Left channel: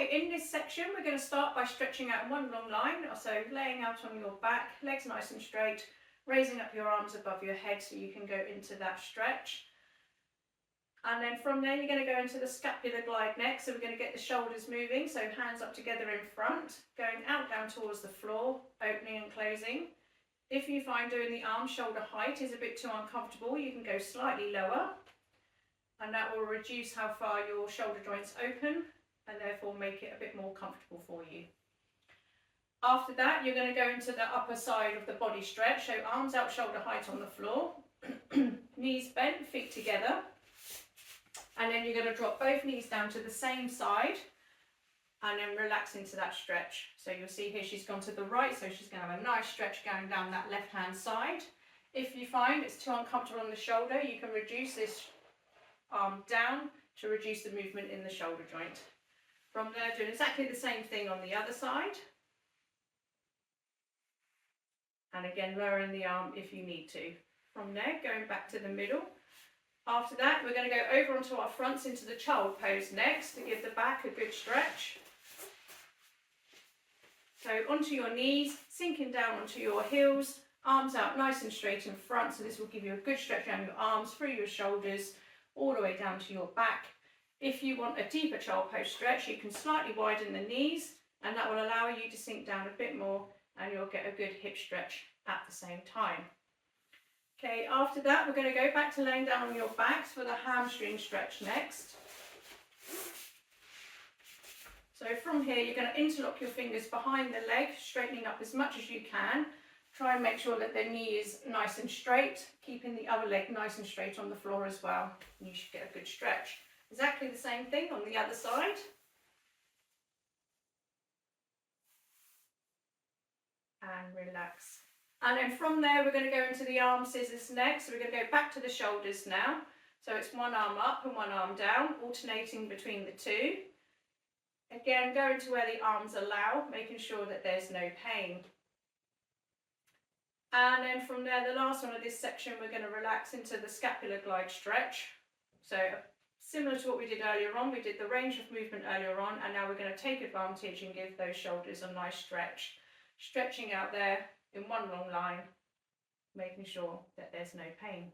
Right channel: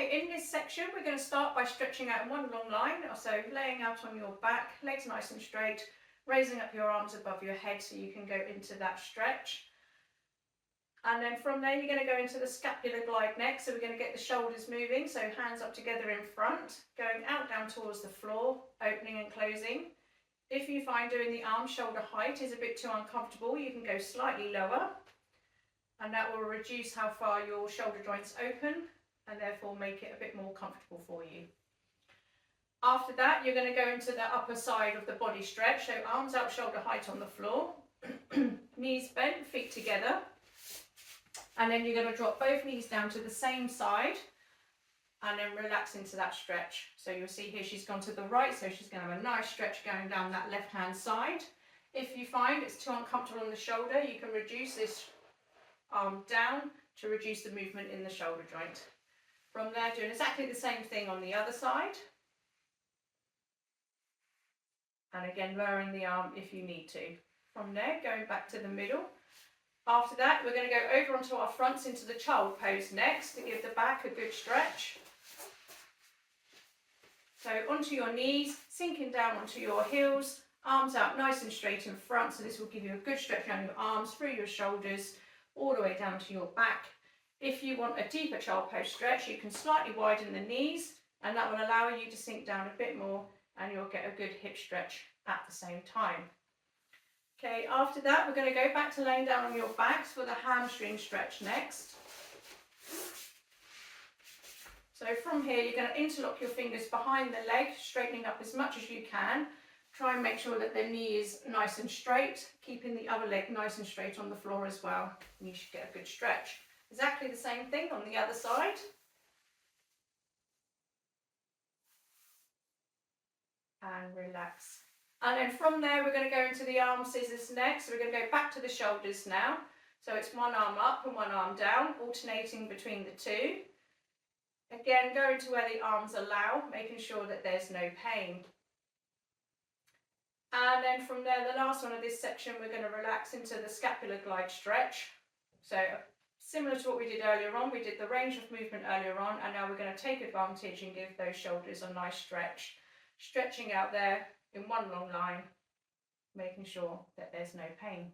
Okay, in this section we're going to start by stretching out in one long line, so laying out on your back, legs nice and straight, raising up your arms above your head so you can go into that stretch. And then from there you're going to go into the scapular glide next, so we're going to get the shoulders moving, so hands up together in front, going out down towards the floor, opening and closing. If you find doing the arm shoulder height is a bit too uncomfortable, you can go slightly lower, and that will reduce how far your shoulder joints open and therefore make it a bit more comfortable for you. After that, you're going to go into the upper side of the body stretch, so arms out shoulder height on the floor, knees bent, feet together, and then you're going to drop both knees down to the same side and then relax into that stretch. So you'll see here she's gone to the right, so she's going to have a nice stretch going down that left hand side. If you find it's too uncomfortable on the shoulder, you can reduce this arm down to reduce the movement in the shoulder joint. From there, doing exactly the same thing on the other side. And again, lowering the arm if you need to. From there, going back to the middle. After that, we're going to go over onto our fronts into the child pose next to give the back a good stretch. So onto your knees, sinking down onto your heels, arms out nice and straight in front. So this will give you a good stretch down your arms, through your shoulders, all the way down to your back. If you want a deeper child pose stretch, you can slightly widen the knees, and that will allow you to sink down a bit more, and you'll get a good hip stretch at the same time. Okay, after that, we're going to go back to laying down on your backs for the hamstring stretch next. So from here, you're going to interlock your fingers behind the leg, straightening up as much as you can. Try and make sure that the knee is nice and straight, keeping the other leg nice and straight on the floor as well. And you should get a good stretch. Exactly the same thing on the other side. And relax. And then from there, we're going to go into the arm scissors next. So we're going to go back to the shoulders now. So it's one arm up and one arm down, alternating between the two. Again, going to where the arms allow, making sure that there's no pain. And then from there, the last one of this section, we're going to relax into the scapular glide stretch. So similar to what we did earlier on, we did the range of movement earlier on, and now we're going to take advantage and give those shoulders a nice stretch. Stretching out there in one long line, making sure that there's no pain.